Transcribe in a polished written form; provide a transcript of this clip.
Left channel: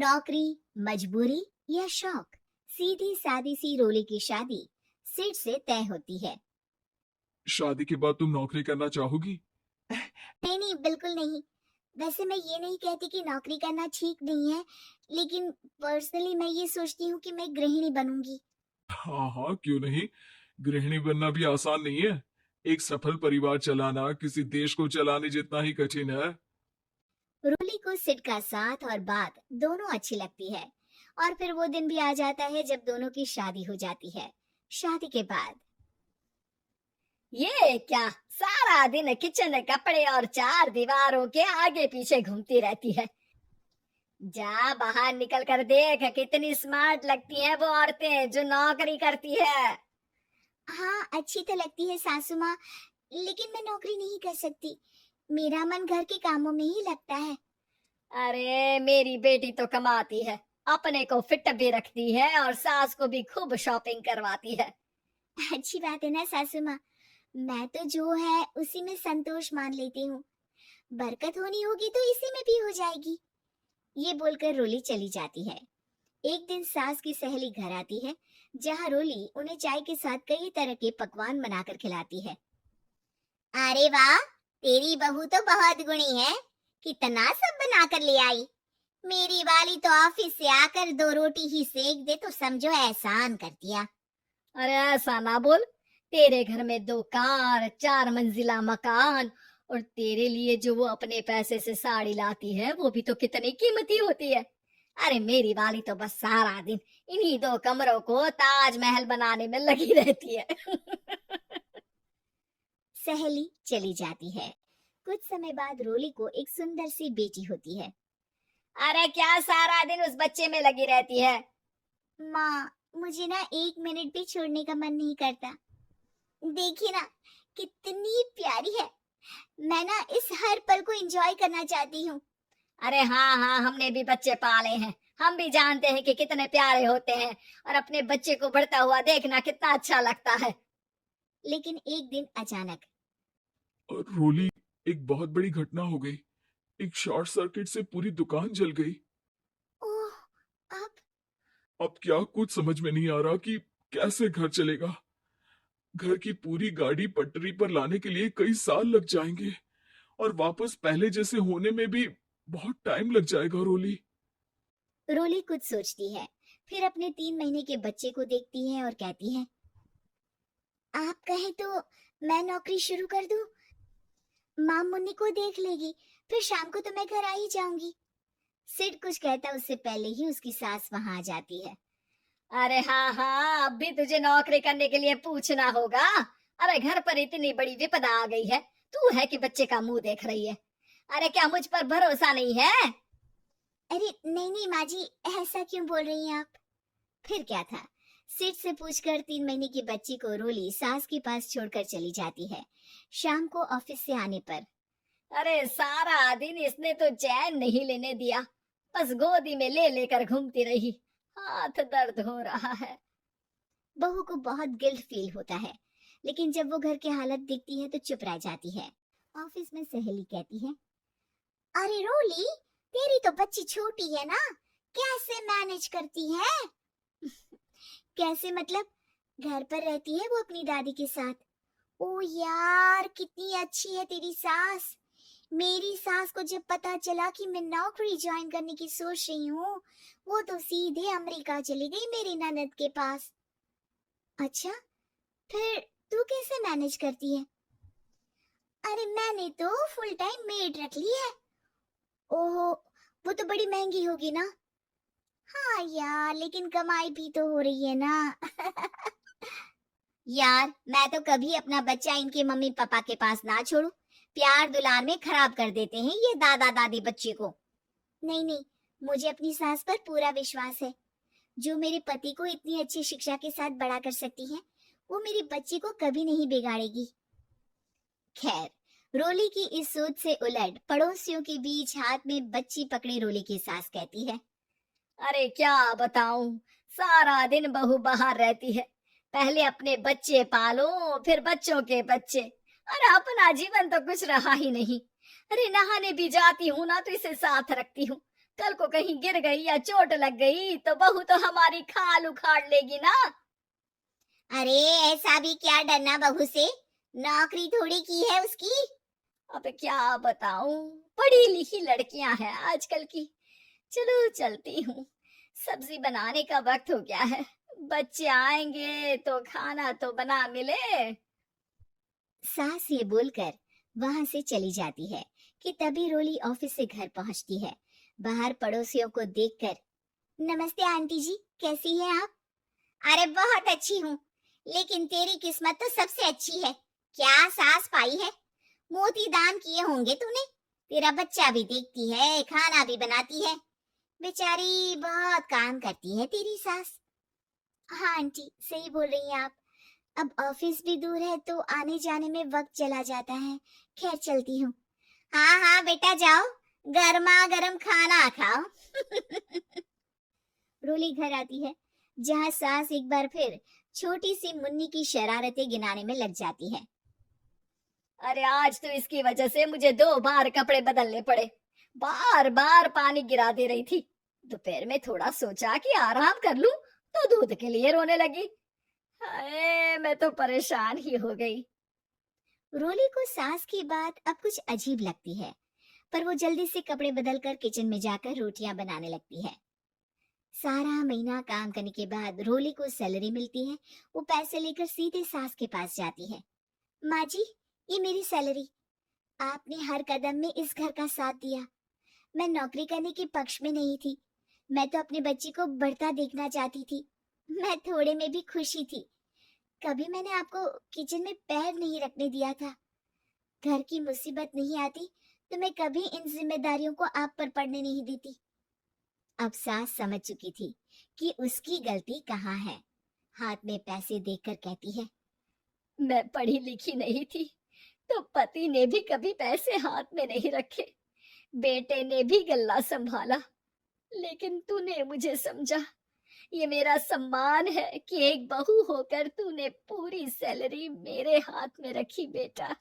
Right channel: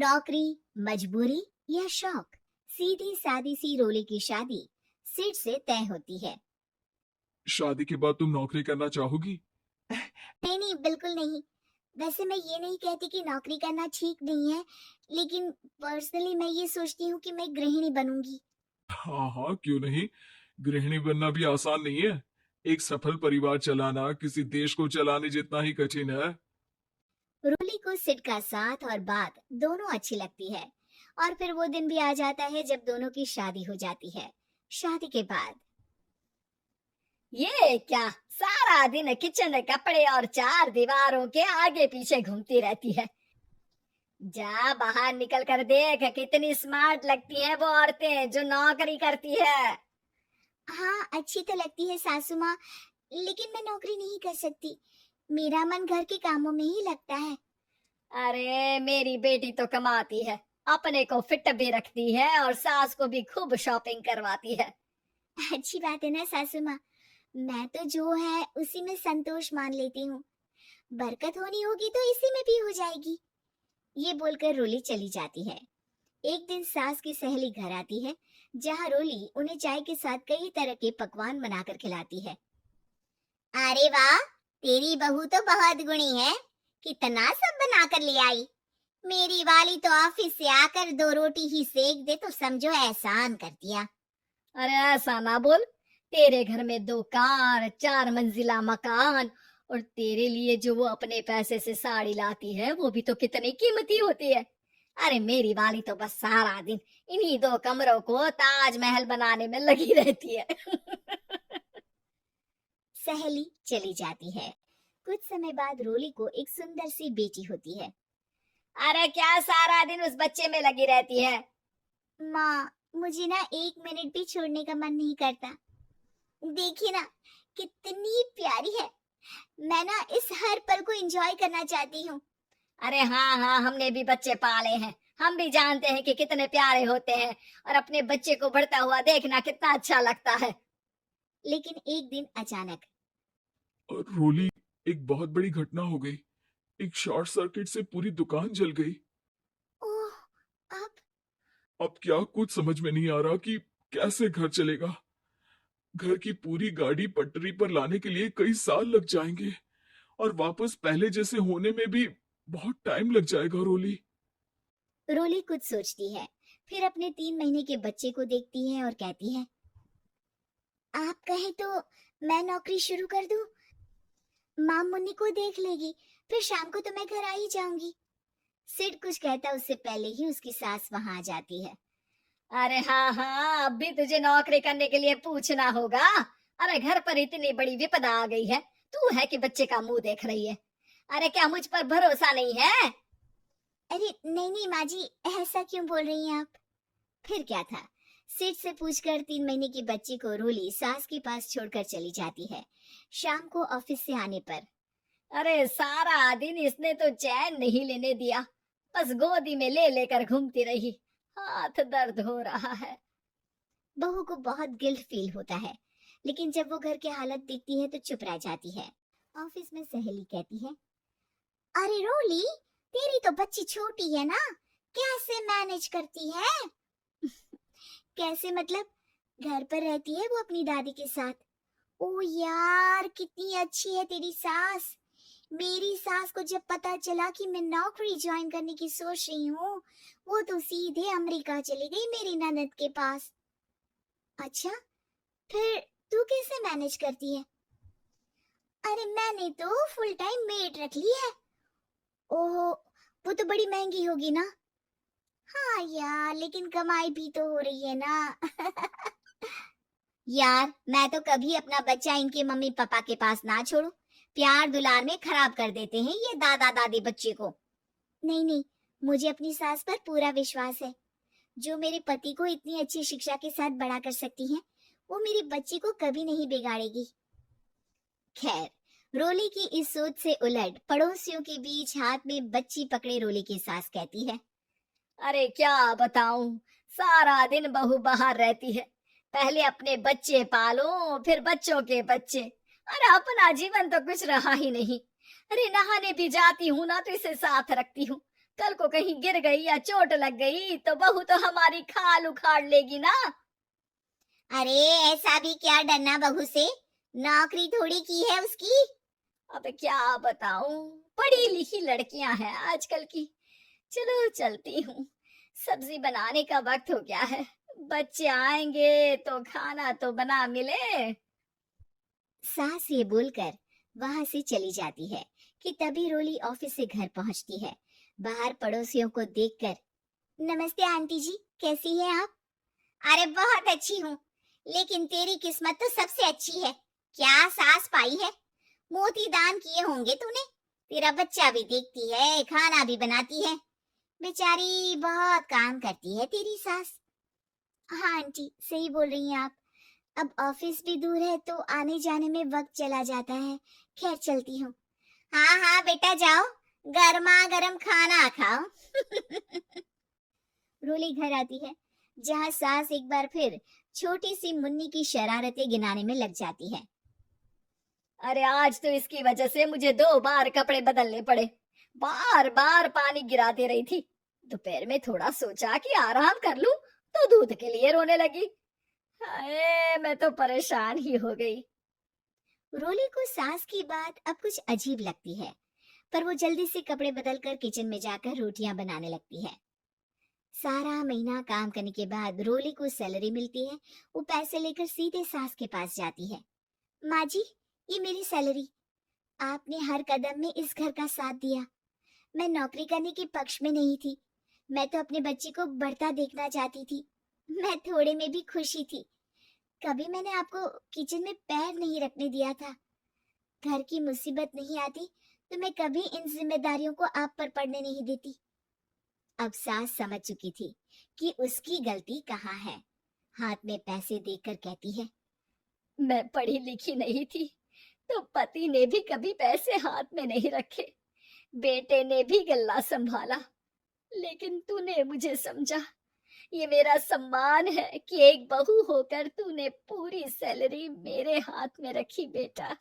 नौकरी, मजबूरी या शौक, सीधी सादी सी रोली की शादी सिड से तय होती है। शादी के बाद तुम नौकरी करना चाहोगी? नहीं नहीं, बिल्कुल नहीं। वैसे मैं ये नहीं कहती कि नौकरी करना ठीक नहीं है, लेकिन पर्सनली मैं ये सोचती हूँ कि मैं गृहिणी बनूंगी। हाँ हाँ, क्यों नहीं। गृहिणी बनना भी आसान नहीं है। एक सफल परिवार चलाना किसी देश को चलाने जितना ही कठिन है। रोली को सिड का साथ और बात दोनों अच्छी लगती है। और फिर वो दिन भी आ जाता है जब दोनों की शादी हो जाती है। शादी के बाद ये क्या, सारा दिन किचन में कपड़े और चार दीवारों के आगे पीछे घूमती रहती है। जा बाहर निकल कर देख, कितनी स्मार्ट लगती हैं वो औरतें जो नौकरी करती है। हाँ, अच्छी तो लगती है सासू माँ, लेकिन मैं नौकरी नहीं कर सकती। मेरा मन घर के कामों में ही लगता है। अरे मेरी बेटी तो कमाती है, अपने को फिट भी रखती है और सास को भी खूब शॉपिंग करवाती है। अच्छी बात है ना सासू माँ। मैं तो जो है उसी में संतोष मान लेती हूँ। बरकत होनी होगी तो इसी में भी हो जाएगी। ये बोलकर रोली चली जाती है। एक दिन सास की सहेली घर आती है, जहाँ रोली उन्हें चाय के साथ कई तरह के पकवान बनाकर खिलाती है। अरे वाह, तेरी बहू तो बहुत गुणी है। कितना सब बना कर ले आई। मेरी वाली तो ऑफिस से आकर दो रोटी ही सेक दे तो समझो एहसान कर दिया। अरे ऐसा ना बोल, तेरे घर में दो कार, चार मंजिला मकान, और तेरे लिए जो वो अपने पैसे से साड़ी लाती है वो भी तो कितनी कीमती होती है। अरे मेरी वाली तो बस सारा दिन इन्हीं दो कमरों को ताजमहल बनाने में लगी रहती है। सहेली चली जाती है। कुछ समय बाद रोली को एक सुंदर सी बेटी होती है। अरे क्या सारा दिन उस बच्चे में लगी रहती है? माँ, मुझे ना एक मिनट भी छोड़ने का मन नहीं करता। देखिए ना, कितनी प्यारी है। मैं ना इस हर पल को एंजॉय करना चाहती हूँ। अरे हाँ हाँ, हमने भी बच्चे पाले हैं, हम भी जानते हैं कि कितने प्यारे होते हैं, और अपने बच्चे को बढ़ता हुआ देखना कितना अच्छा लगता है। लेकिन एक दिन अचानक और रोली, एक बहुत बड़ी घटना हो गई। एक शॉर्ट सर्किट से पूरी दुकान जल गई। ओह, अब अब क्या, कुछ समझ में नहीं आ रहा कि कैसे घर चलेगा। घर की पूरी गाड़ी पटरी पर लाने के लिए कई साल लग जाएंगे, और वापस पहले जैसे होने में भी बहुत टाइम लग जाएगा। रोली, रोली कुछ सोचती है, फिर अपने 3 महीने के बच्चे को देखती है और कहती है, आप कहे तो मैं नौकरी शुरू कर दूं? माँ मुन्नी को देख लेगी, फिर शाम को तो मैं घर आ ही जाऊंगी। सिड कुछ कहता उससे पहले ही उसकी सास वहां आ जाती है। अरे हाँ हाँ, अब भी तुझे नौकरी करने के लिए पूछना होगा। अरे घर पर इतनी बड़ी विपदा आ गई है, तू है कि बच्चे का मुंह देख रही है? अरे क्या मुझ पर भरोसा नहीं है? अरे नहीं नहीं माँ जी, ऐसा क्यों बोल रही हैं आप? फिर क्या था, सिड से पूछकर 3 महीने की बच्ची को रोली सास के पास छोड़कर चली जाती है। शाम को ऑफिस से आने पर अरे सारा दिन इसने तो चैन नहीं लेने दिया, बस गोदी में ले लेकर घूमती रही, हाथ दर्द हो रहा है। बहू को बहुत गिल्ट फील होता है, लेकिन जब वो घर की हालत देखती है तो चुप रह जाती है। ऑफिस में सहेली कहती है, अरे रोली, तेरी तो बच्ची छोटी है ना, कैसे मैनेज करती है? कैसे मतलब? घर पर रहती है वो अपनी दादी के साथ। ओ यार, कितनी अच्छी है तेरी सास। मेरी सास को जब पता चला कि मैं नौकरी ज्वाइन करने की सोच रही हूँ, वो तो सीधे अमेरिका चली गई मेरी ननद के पास। अच्छा, फिर तू कैसे मैनेज करती है? अरे मैंने तो फुल टाइम मेड रख ली है। ओह, वो तो बड़ी महंगी होगी ना? हाँ यार, लेकिन कमाई भी तो हो रही है ना। यार, मैं तो कभी अपना बच्चा इनके मम्मी पापा के पास ना छोड़ू। प्यार दुलार में खराब कर देते हैं ये दादा दादी बच्चे को। नहीं नहीं, मुझे अपनी सास पर पूरा विश्वास है। जो मेरे पति को इतनी अच्छी शिक्षा के साथ बड़ा कर सकती है, वो मेरी बच्ची को कभी नहीं बिगाड़ेगी। खैर, रोली की इस सोच से उलट पड़ोसियों के बीच हाथ में बच्ची पकड़ी रोली की सास कहती है, अरे क्या बताऊं, सारा दिन बहू बाहर रहती है, पहले अपने बच्चे पालो, फिर बच्चों के बच्चे। अरे अपना जीवन तो कुछ रहा ही नहीं। अरे नहाने भी जाती हूँ ना तो इसे साथ रखती हूँ, कल को कहीं गिर गई या चोट लग गई तो बहू तो हमारी खाल उखाड़ लेगी ना। अरे ऐसा भी क्या डरना बहू से, नौकरी थोड़ी की है उसकी। अब क्या बताऊं, पढ़ी लिखी लड़कियां हैं आजकल की। चलो चलती हूँ, सब्जी बनाने का वक्त हो गया है। बच्चे आएंगे तो खाना तो बना मिले। सास ये बोलकर वहां से चली जाती है कि तभी रोली ऑफिस से घर पहुंचती है। बाहर पड़ोसियों को देखकर, नमस्ते आंटी जी, कैसी है आप? अरे बहुत अच्छी हूँ, लेकिन तेरी किस्मत तो सबसे अच्छी है। क्या सास पाई है, मोती दान किए होंगे तूने। तेरा बच्चा भी देखती है, खाना भी बनाती है। बेचारी बहुत काम करती है तेरी सास। हाँ आंटी, सही बोल रही हैं आप। अब ऑफिस भी दूर है तो आने जाने में वक्त चला जाता है। खैर चलती हूँ। हाँ हाँ बेटा जाओ, गर्मा गर्म खाना खाओ। रोली घर आती है, जहाँ सास एक बार फिर छोटी सी मुन्नी की शरारतें गिनाने में लग जाती है। अरे आज तो इसकी वजह से मुझे 2 बार कपड़े बदलने पड़े। बार बार पानी गिरा दे रही थी। दोपहर में थोड़ा सोचा कि आराम कर लूं तो दूध के लिए रोने लगी। हाय, मैं तो परेशान ही हो गई। रोली को सास की बात अब कुछ अजीब लगती है, पर वो जल्दी से कपड़े बदलकर किचन में जाकर रोटियां बनाने लगती है। सारा महीना काम करने के बाद रोली को सैलरी मिलती है। वो पैसे लेकर सीधे सास के पास जाती है। माँ जी, ये मेरी सैलरी। आपने हर कदम में इस घर का साथ दिया। मैं नौकरी करने के पक्ष में नहीं थी, मैं तो अपने बच्चे को बढ़ता देखना चाहती थी। मैं थोड़े में भी खुशी थी। कभी मैंने आपको किचन में पैर नहीं रखने दिया था। घर की मुसीबत नहीं आती तो मैं कभी इन जिम्मेदारियों को आप पर पड़ने नहीं देती। अब सास समझ चुकी थी कि उसकी गलती कहाँ है। हाथ में पैसे देखकर कहती है, मैं पढ़ी लिखी नहीं थी तो पति ने भी कभी पैसे हाथ में नहीं रखे, बेटे ने भी गल्ला संभाला, लेकिन तूने मुझे समझा। ये मेरा सम्मान है कि एक बहू होकर तूने पूरी सैलरी मेरे हाथ में रखी बेटा।